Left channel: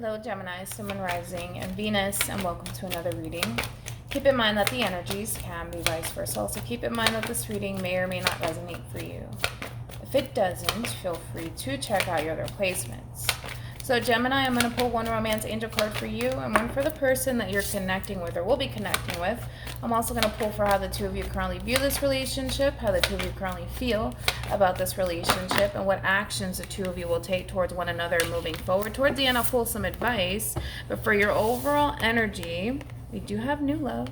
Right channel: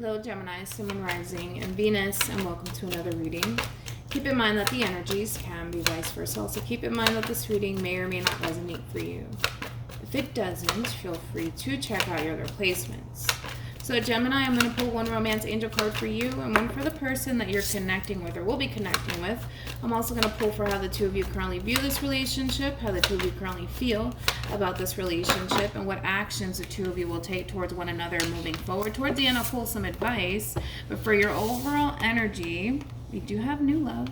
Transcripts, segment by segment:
Hello Gemini, Sun, Moon, Rising, and Venus, and welcome to another reading. Keep in mind that the energies can be vice versa. Also keep in mind that this reading may or may not resonate for you. If it doesn't, feel free to check out your other placements. So Gemini, I'm going to pull one romance angel card for you and one for the person that you're connecting with or will be connecting with. I'm also going to pull for how the two of you currently view this relationship, how the two of you currently feel about this relationship, and what actions the two of you will take towards one another moving forward. Towards the end, I'll pull some advice. But for your overall energy, we do have new love.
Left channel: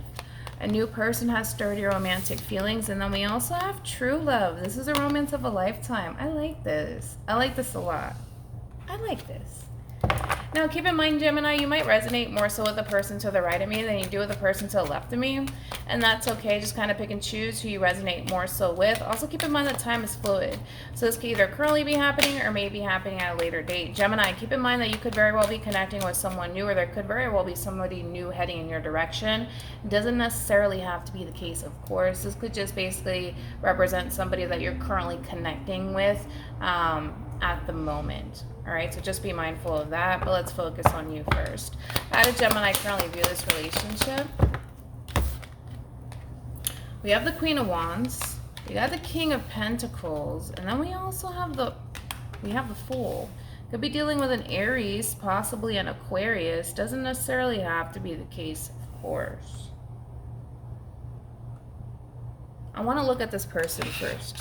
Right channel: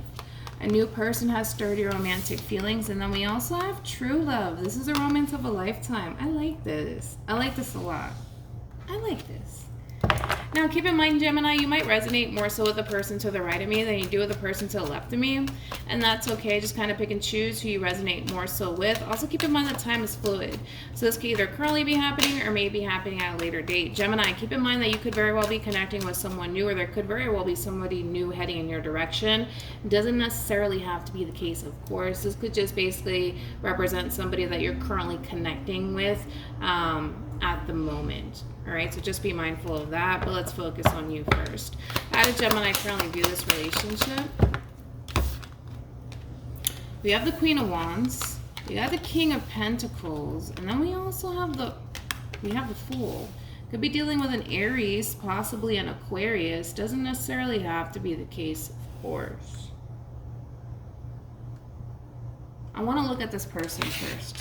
A new person has stirred your romantic feelings. And then we also have true love. This is a romance of a lifetime. I like this. I like this a lot. I like this. Now, keep in mind, Gemini, you might resonate more so with the person to the right of me than you do with the person to the left of me. And that's okay. Just kind of pick and choose who you resonate more so with. Also, keep in mind that time is fluid. So this could either currently be happening or may be happening at a later date. Gemini, keep in mind that you could very well be connecting with someone new, or there could very well be somebody new heading in your direction. It doesn't necessarily have to be the case, of course. This could just basically represent somebody that you're currently connecting with at the moment. All right, so just be mindful of that, but let's focus on you first. How does Gemini currently view this relationship? We have the Queen of Wands, we got the King of Pentacles, and then we also have the Fool. Could be dealing with an Aries, possibly an Aquarius. Doesn't necessarily have to be the case, of course. I want to look at this person first.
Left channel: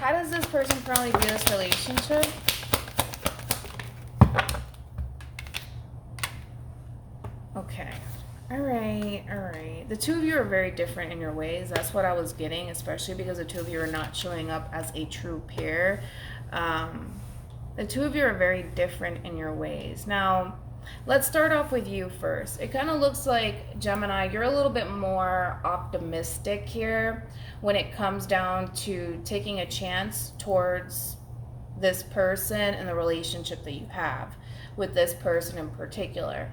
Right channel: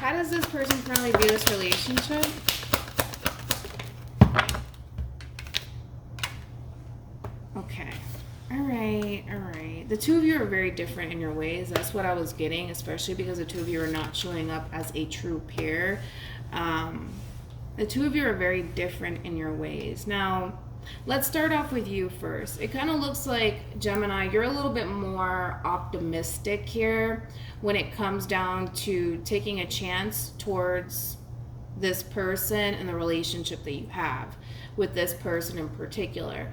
How does this person currently view this relationship? Okay. All right. The two of you are very different in your ways. That's what I was getting, especially because the two of you are not showing up as a true pair. The two of you are very different in your ways. Now, let's start off with you first. It kind of looks like, Gemini, you're a little bit more optimistic here when it comes down to taking a chance towards this person and the relationship that you have with this person in particular.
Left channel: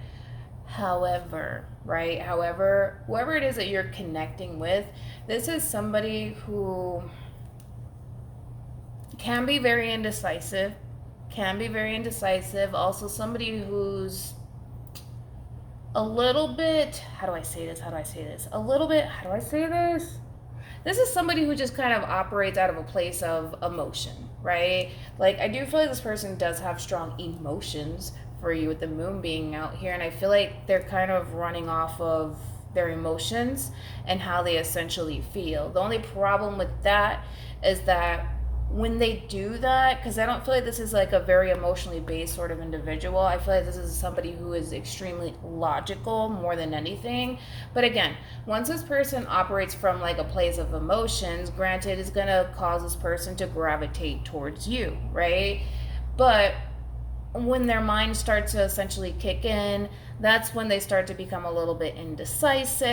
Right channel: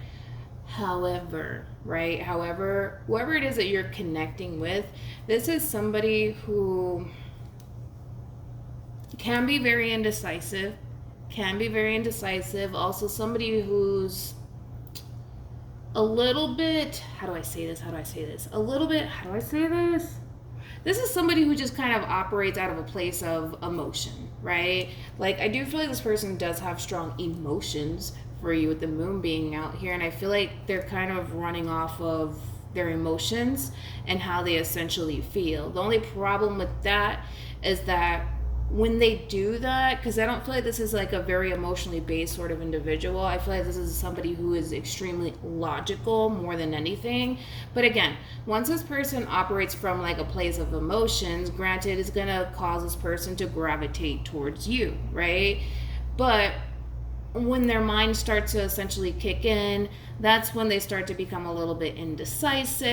However, whoever it is that you're connecting with, this is somebody who can be very indecisive. Also somebody who's a little bit, how do I say this? This is somebody who just kind of operates out of a place of emotion, right? Like, I do feel like this person does have strong emotions for you with the moon being out here, and I feel like they're kind of running off of their emotions and how they essentially feel. The only problem with that is that when they do that, because I don't feel like this is like a very emotionally based sort of individual. I feel like this is somebody who is extremely logical more than anything. But again, once this person operates from like a place of emotions, granted, it's going to cause this person to gravitate towards you, right? But when their mind starts to essentially kick in, that's when they start to become a little bit indecisive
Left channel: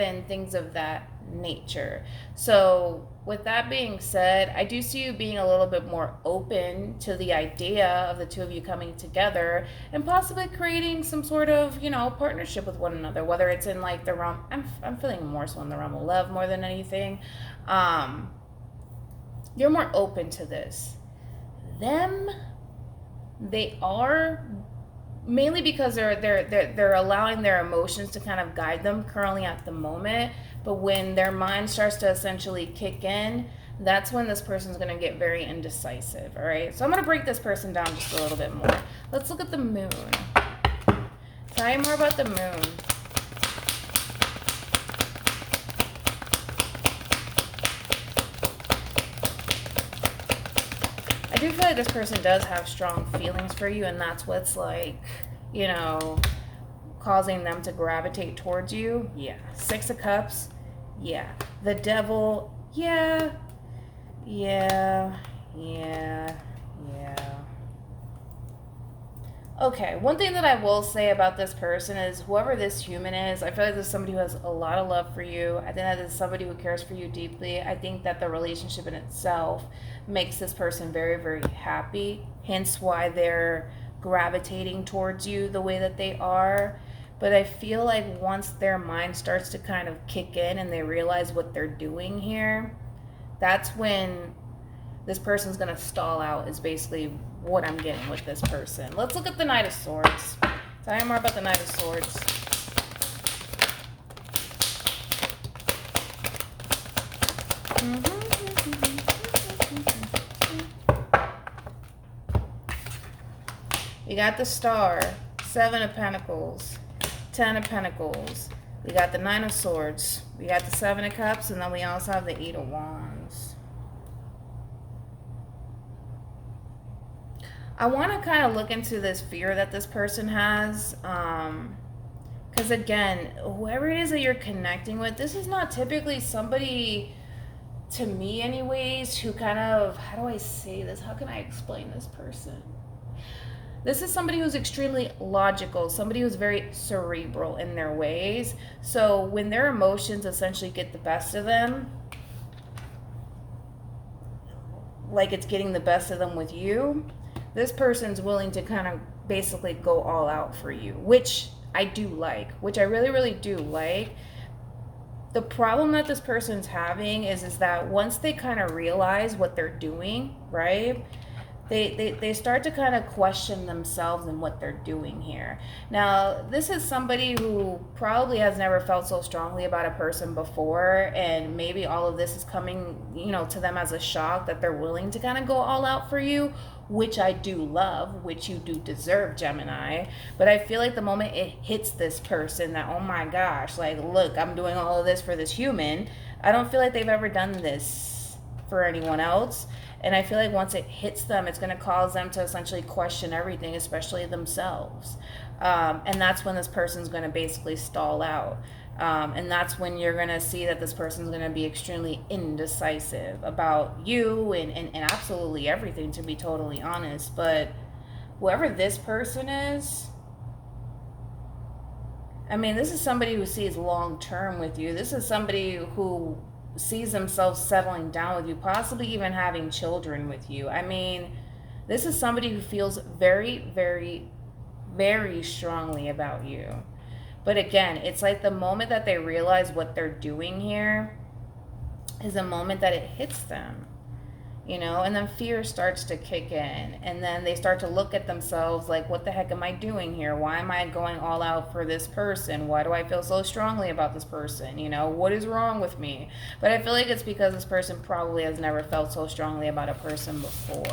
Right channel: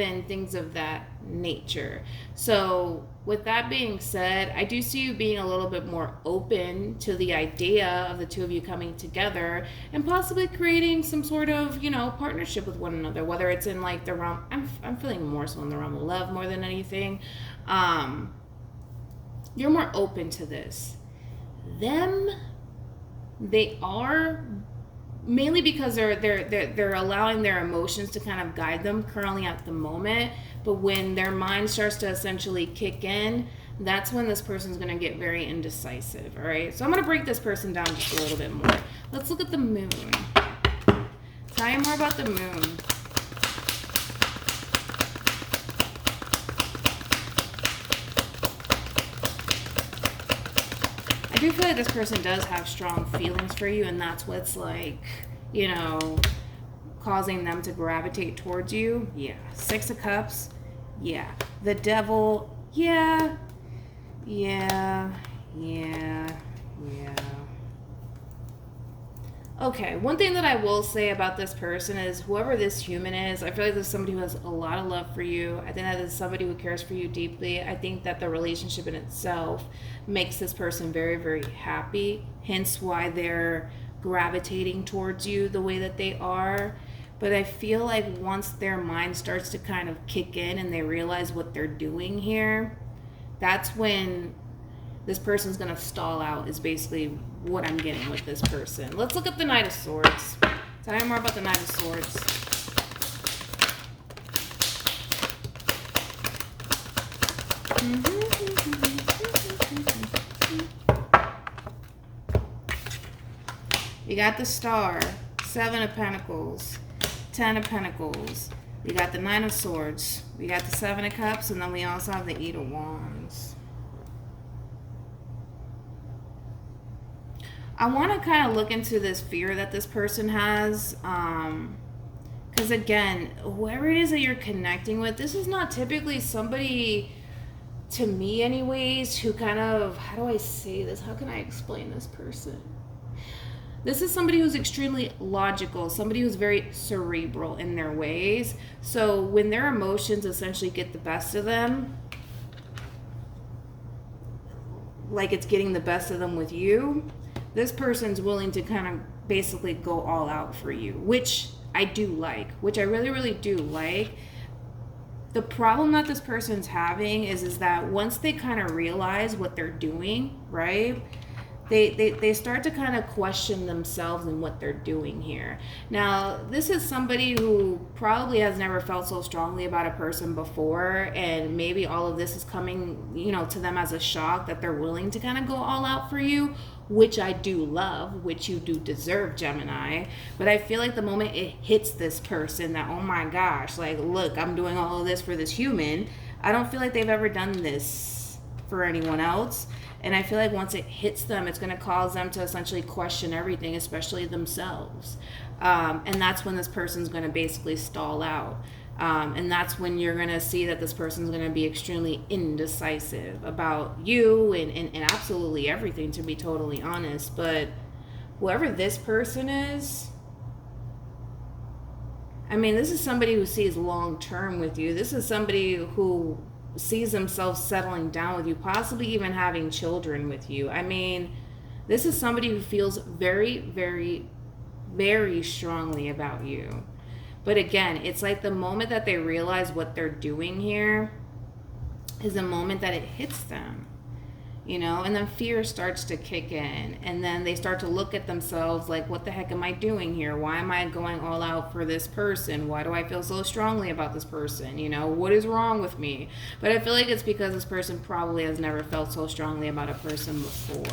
and things of that nature. So with that being said, I do see you being a little bit more open to the idea of the two of you coming together and possibly creating some sort of, partnership with one another, whether it's in like the realm, I'm feeling more so in the realm of love more than anything. You're more open to this. They are, mainly because they're allowing their emotions to kind of guide them currently at the moment. But when their mind starts to essentially kick in, that's when this person's going to get very indecisive, all right? So I'm going to break this person down just a little bit more. Let's look at the moon. Tell me more about the moon. I do feel like this person does have strong feelings for you, and that's what's like, causing them to gravitate towards you. Yeah. Six of Cups. Yeah. The Devil. Yeah. Okay, one thing that I will say about this person is whoever this human is, I feel like this is somebody who has a lot of love for you. I think that is somebody who cares for you deeply. I think that the relationship in itself makes this person very, very happy, hence why they're gravitating towards you the way that they are. But I feel like once their mind starts to kind of kick in and they realize what they're doing here, that's when this person's going to stall out is basically what I'm getting with this person. Let's look at the Knight of Swords. Tell me more about the Knight of Swords. You got the Star, 7 of Pentacles, 10 of Pentacles. We got the 9 of Swords. We got the 7 of Cups, and then we also have the 8 of Wands. I want to kind of look into this fear that this person has. Because again, whoever it is that you're connecting with, this is not typically somebody, to me anyways, who kind of, how do I say this? How can I explain this person? This is somebody who's extremely logical, somebody who's very cerebral in their ways. So when their emotions essentially get the best of them, like it's getting the best of them with you, this person's willing to kind of basically go all out for you, which I do like, which I really, really do like. The problem that this person's having is that once they kind of realize what they're doing, right? They start to kind of question themselves and what they're doing here. Now, this is somebody who probably has never felt so strongly about a person before, and maybe all of this is coming, you know, to them as a shock that they're willing to kind of go all out for you, which I do love, which you do deserve, Gemini. But I feel like the moment it hits this person that, oh my gosh, like, look, I'm doing all of this for this human, I don't feel like they've ever done this for anyone else. And I feel like once it hits them, it's going to cause them to essentially question everything, especially themselves. And that's when this person's going to basically stall out. And that's when you're going to see that this person's going to be extremely indecisive about you and absolutely everything, to be totally honest. But whoever this person is, I mean, this is somebody who sees long term with you. This is somebody who sees themselves settling down with you, possibly even having children with you. I mean, this is somebody who feels very, very, very strongly about you. But again, it's like the moment that they realize what they're doing here is the moment that it hits them, you know, and then fear starts to kick in, and then they start to look at themselves like, what the heck am I doing here? Why am I going all out for this person? Why do I feel so strongly about this person? You know, what is wrong with me? But I feel like it's because this person probably has never felt so strongly about a person before.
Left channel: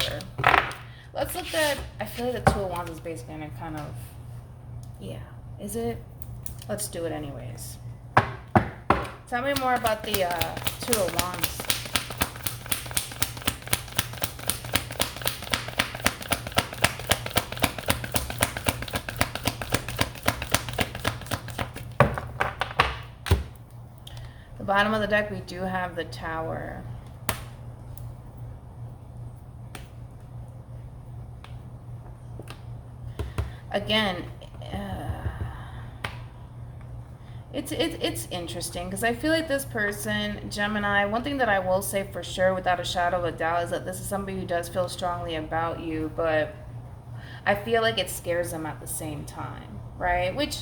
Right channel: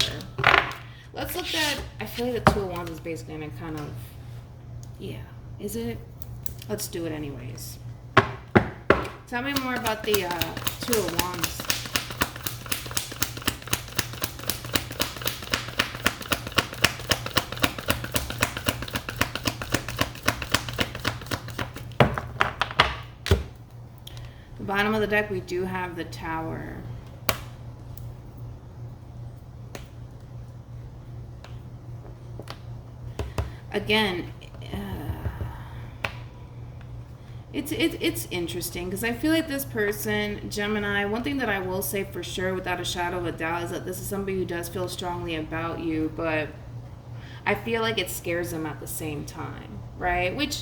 Let's look at, I feel like the 2 of Wands is basically going to kind of, yeah, is it? Let's do it anyways. Tell me more about the 2 of Wands. Bottom of the deck, we do have the Tower. Again, it's interesting because I feel like this person, Gemini, one thing that I will say for sure without a shadow of a doubt is that this is somebody who does feel strongly about you, but I feel like it scares them at the same time, right? Which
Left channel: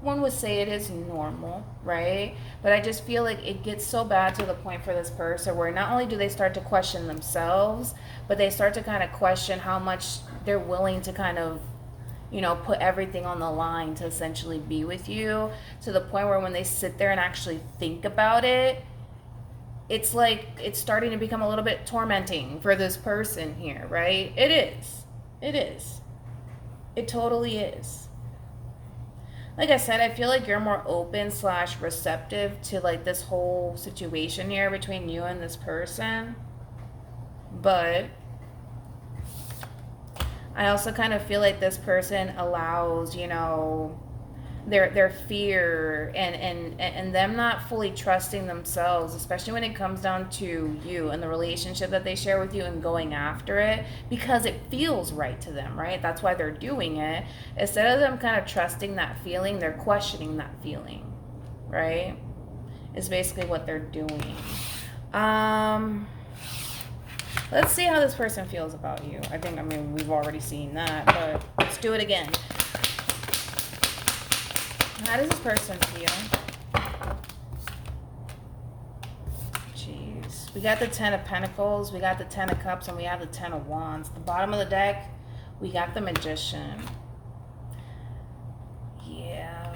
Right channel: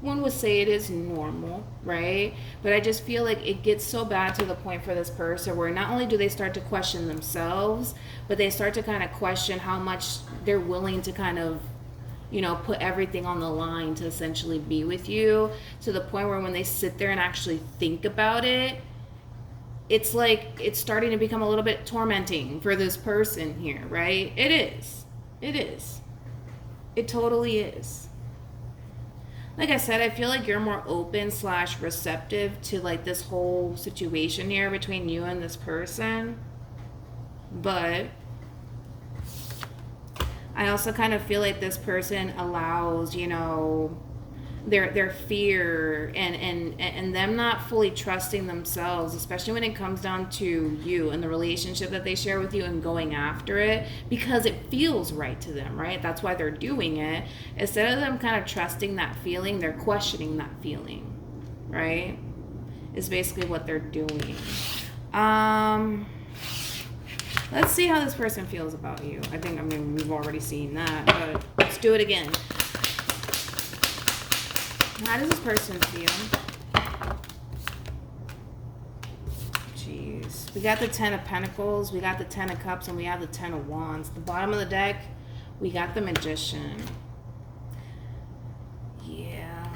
one would say it is normal, right? But I just feel like it gets so bad to the point for this person where not only do they start to question themselves, but they start to kind of question how much they're willing to kind of, you know, put everything on the line to essentially be with you, to the point where when they sit there and actually think about it, it's like it's starting to become a little bit tormenting for this person here, right? It is. It is. It totally is. Like I said, I feel like you're more open / receptive to like this whole situation here between you and this person. But I also kind of feel like this person allows, you know, their fear and them not fully trusting themselves, especially when it comes down to you and the relationship that they share with you and going after it because it feels right to them, right? That's why they're doing it. Instead of them kind of trusting that feeling, they're questioning that feeling, right? Is basically what they're doing. Let's see how this person feels about you. I mean, we've already seen that, but let's do it again. How does this person feel? Jeez. We got the Ten of Pentacles, we got the Ten of Cups, and we have the Ten of Wands. The bottom of the deck, we got the Magician. Yeah.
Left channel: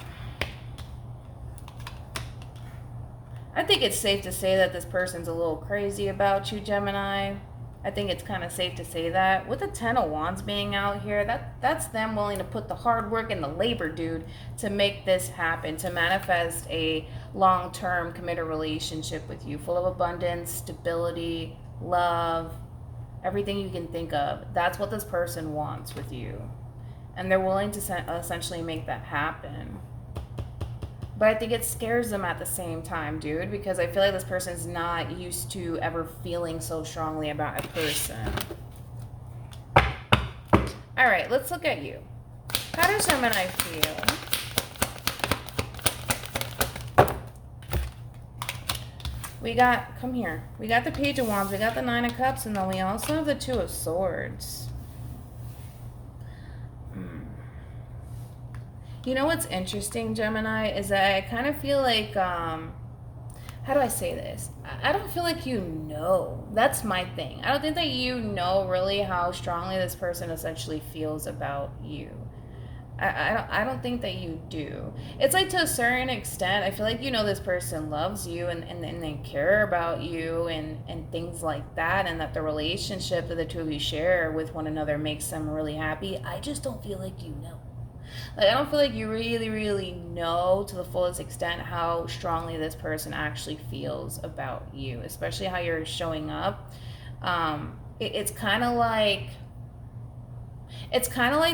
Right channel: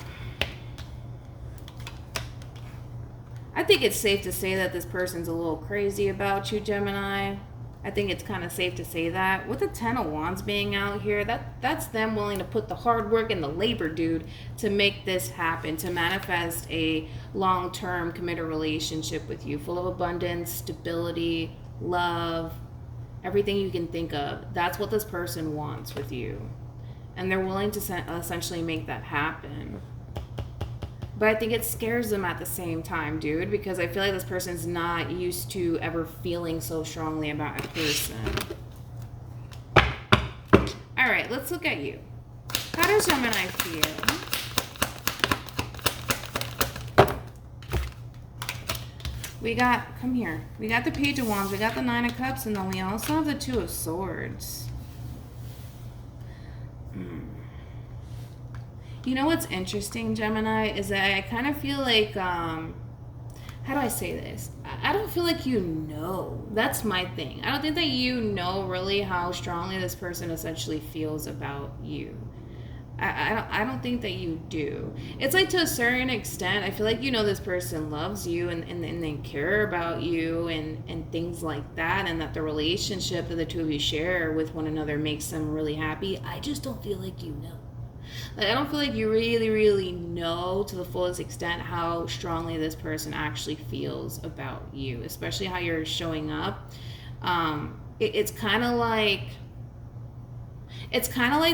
I think it's safe to say that this person's a little crazy about you, Gemini. I think it's kind of safe to say that. With the Ten of Wands being out here, that's them willing to put the hard work and the labor, dude, to make this happen, to manifest a long-term committed relationship with you, full of abundance, stability, love, everything you can think of. That's what this person wants with you. And they're willing to essentially make that happen. But I think it scares them at the same time, dude, because I feel like this person's not used to ever feeling so strongly about a person. All right, let's look at you. How does Gemini feel? We got, come here, we got the Page of Wands, we got the Nine of Cups, and then we also have the Two of Swords. You know what's interesting, Gemini, is that I kind of feel like, how do I say this? I don't feel like you know. That's my thing. I don't think that you know really how strongly this person essentially feels about you. I don't think that you do. It's like, to a certain extent, I feel like you know this person loves you and they care about you and things like that, and that the relationship that the two of you share with one another makes them really happy. I just don't feel like you know. Like, I don't feel like you really, really know to the fullest extent how strongly this person actually feels about you, especially how you're showing up. It's kind of like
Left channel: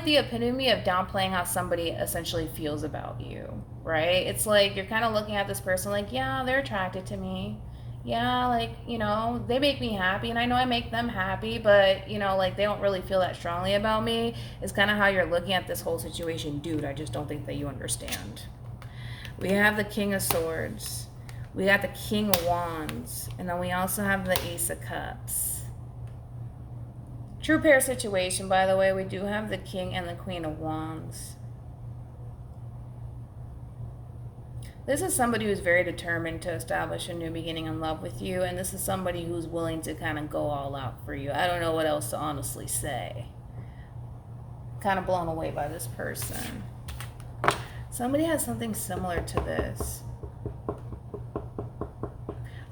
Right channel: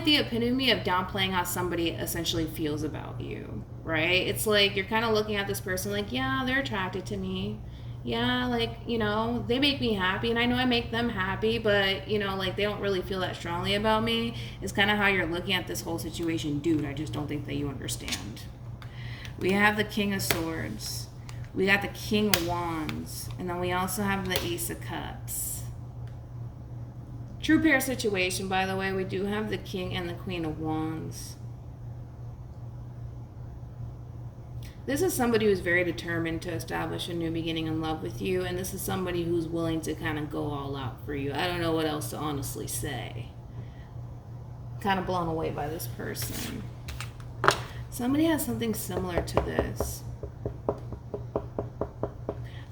the epitome of downplaying how somebody essentially feels about you, right? It's like you're kind of looking at this person like, yeah, they're attracted to me. Yeah, like, you know, they make me happy, and I know I make them happy, but, you know, like, they don't really feel that strongly about me. It's kind of how you're looking at this whole situation. Dude, I just don't think that you understand. We have the King of Swords. We got the King of Wands. And then we also have the Ace of Cups. True pair situation, by the way. We do have the King and the Queen of Wands. This is somebody who's very determined to establish a new beginning in love with you, and this is somebody who's willing to kind of go all out for you. I don't know what else to honestly say. Kind of blown away by this person. Somebody has something similar to this. I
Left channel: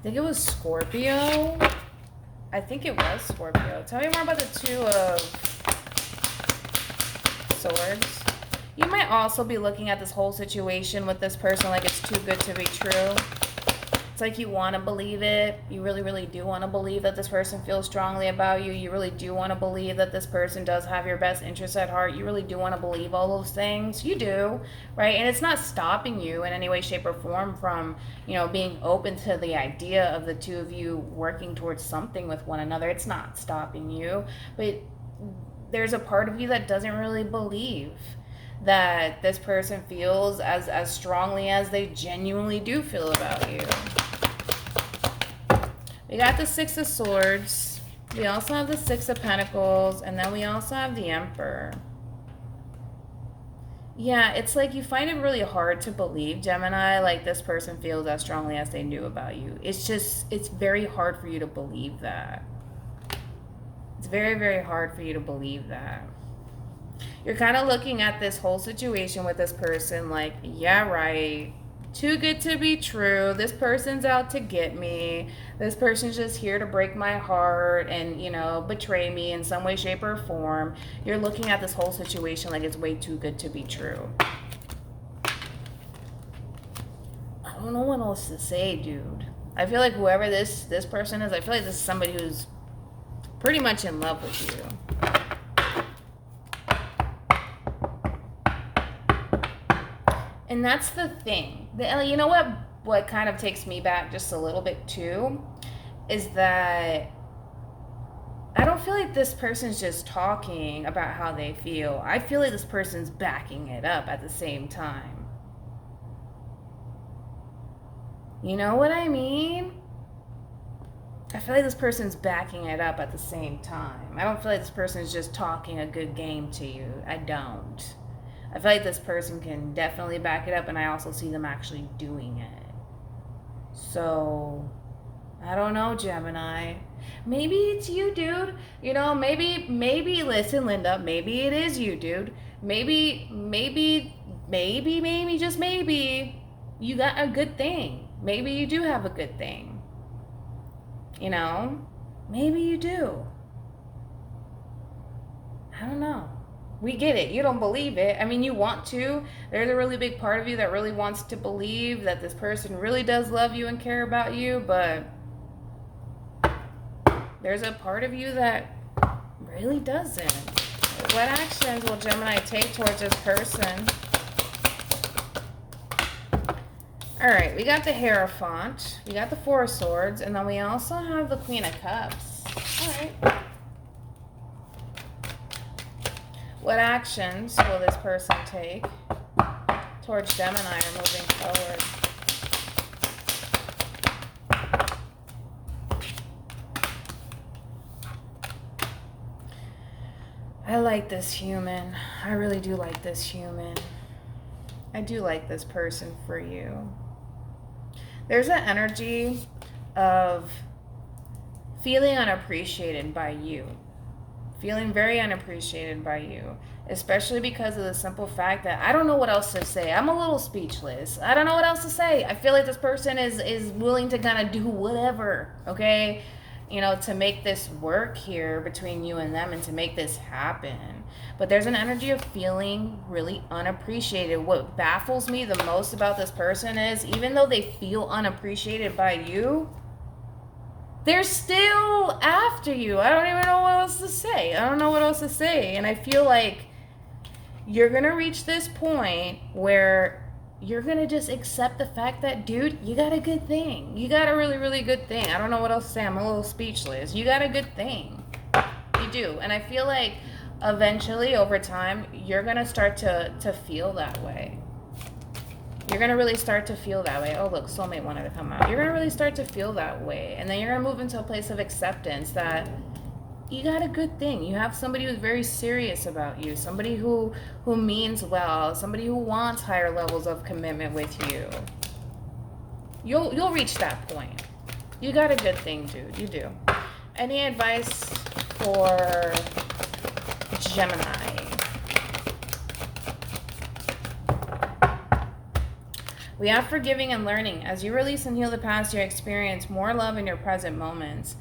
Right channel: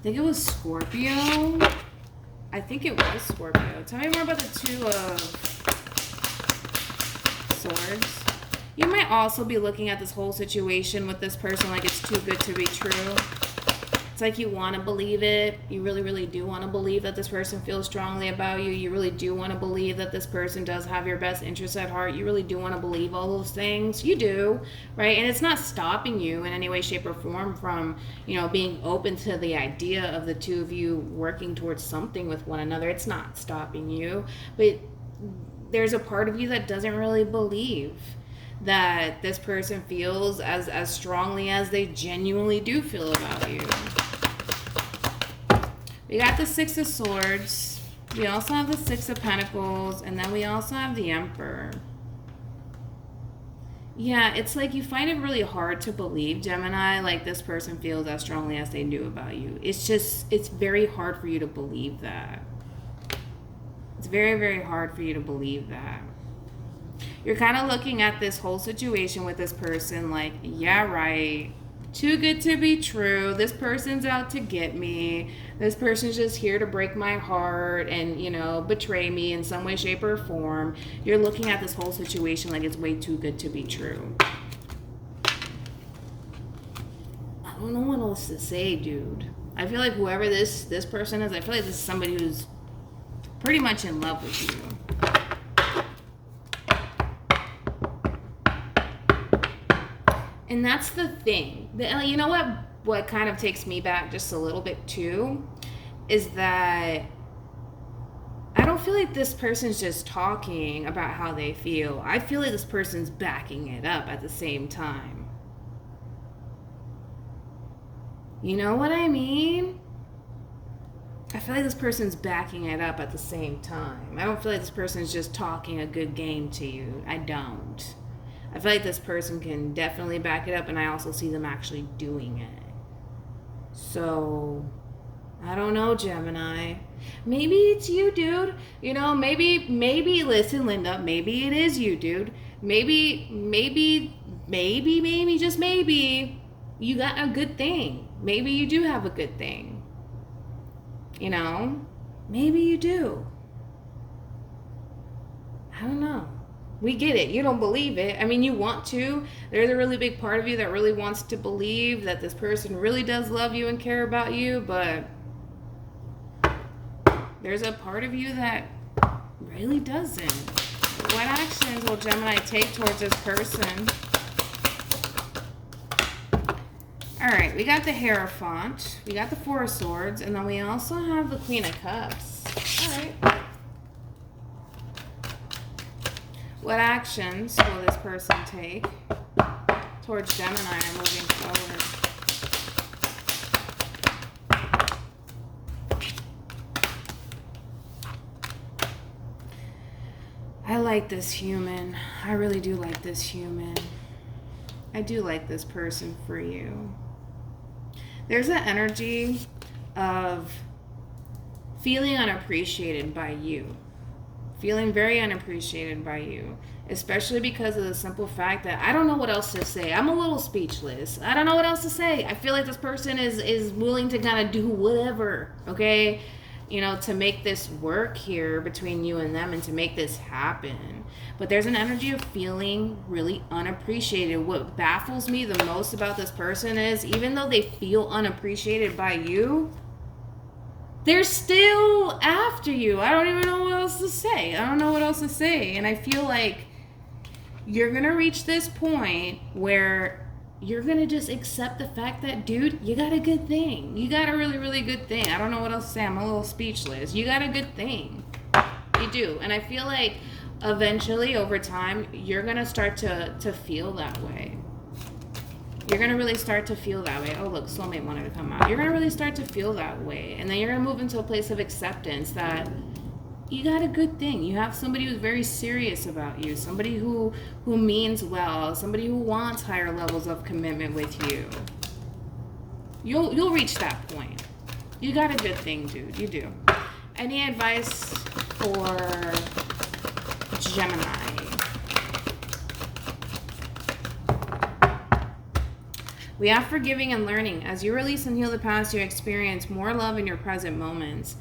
think it was Scorpio. I think it was Scorpio. Tell me more about the Two of Swords. You might also be looking at this whole situation with this person like it's too good to be true. It's like you want to believe it. You really, really do want to believe that this person feels strongly about you. You really do want to believe that this person does have your best interests at heart. You really do want to believe all those things. You do, right? And it's not stopping you in any way, shape, or form from, you know, being open to the idea of the two of you working towards something with one another. It's not stopping you. But there's a part of you that doesn't really believe that this person feels as strongly as they genuinely do feel about you. We got the Six of Swords. We also have the Six of Pentacles. And then we also have the Emperor. Yeah, it's like you find it really hard to believe, Gemini, like this person feels as strongly as they do about you. It's very hard for you to believe that. It's very, very hard for you to believe that. You're kind of looking at this whole situation with this person like, yeah, right. Too good to be true. This person's out to get me. This person's just here to break my heart and, you know, betray me in some way, shape, or form. You're looking at this whole situation like it's way too good to be true. I don't know what else to say, dude. I feel like whoever this person is, I feel like this is somebody who's pretty much in love with you. And that's the thing. You know what kind of takes me back just a little bit too is that I don't feel like this person's just talking about how they feel. I feel like this person's backing it up at the same time. You know what I mean? I feel like this person's backing it up at the same time. I don't feel like this person's just talking a good game to you. I don't. I feel like this person can definitely back it up, and I also see them actually doing it. So, I don't know, Gemini. Maybe it's you, dude. You know, maybe, listen, Linda, maybe it is you, dude. Maybe, just maybe, you got a good thing. Maybe you do have a good thing. You know? Maybe you do. I don't know. We get it. You don't believe it. I mean, you want to. There's a really big part of you that really wants to believe that this person really does love you and care about you, but there's a part of you that really doesn't. What actions will Gemini take towards this person? All right, we got the Hierophant, we got the Four of Swords, and then we also have the Queen of Cups. All right. What actions will this person take towards Gemini or moving forward? I like this human. I really do like this human. I do like this person for you. There's an energy of feeling unappreciated by you. Feeling very unappreciated by you. Especially because of the simple fact that I don't know what else to say. I'm a little speechless. I don't know what else to say. I feel like this person is willing to kind of do whatever, okay? You know, to make this work here between you and them and to make this happen. But there's an energy of feeling really unappreciated. What baffles me the most about this person is even though they feel unappreciated by you, they're still after you. I don't even know what else to say. I don't know what else to say. And I feel like you're going to reach this point where you're going to just accept the fact that, dude, you got a good thing. You got a really, really good thing. I don't know what else to say. I'm a little speechless. You got a good thing. You do. And I feel like eventually, over time, you're going to start to feel that way. You're going to really start to feel that way. Oh, look, soulmate wanted to come out. You're going to really start to feel that way. And then you're going to move into a place of acceptance that you got a good thing. You have somebody who's very serious about you. Somebody who means well. Somebody who wants higher levels of commitment with you. You'll reach that point. You got a good thing, dude. You do. Any advice for Gemini? We have forgiving and learning. As you release and heal the past, you experience more love in your present moments.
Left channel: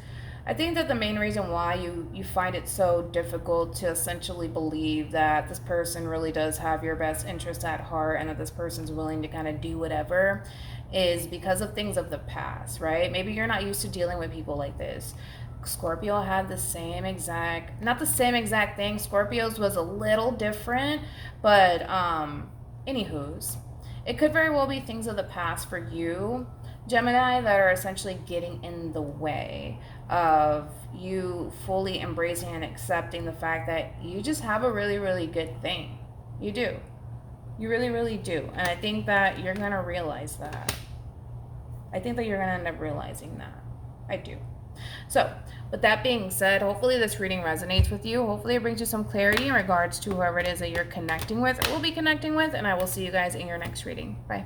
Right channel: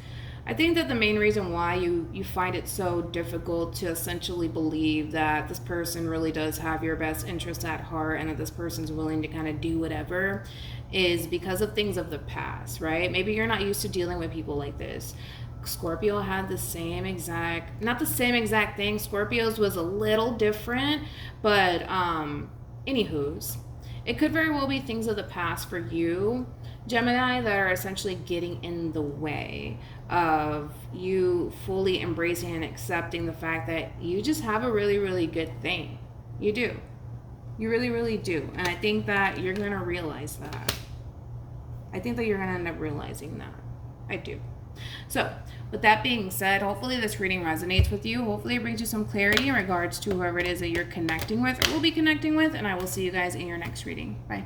I think that the main reason why you find it so difficult to essentially believe that this person really does have your best interest at heart and that this person's willing to kind of do whatever is because of things of the past, right? Maybe you're not used to dealing with people like this. Scorpio had the same exact, not the same exact thing. Scorpio's was a little different, but anywho's. It could very well be things of the past for you, Gemini, that are essentially getting in the way of you fully embracing and accepting the fact that you just have a really, really good thing. You do. You really, really do. And I think that you're going to realize that. I think that you're going to end up realizing that. I do. So, with that being said, hopefully this reading resonates with you. Hopefully it brings you some clarity in regards to whoever it is that you're connecting with or will be connecting with. And I will see you guys in your next reading. Bye.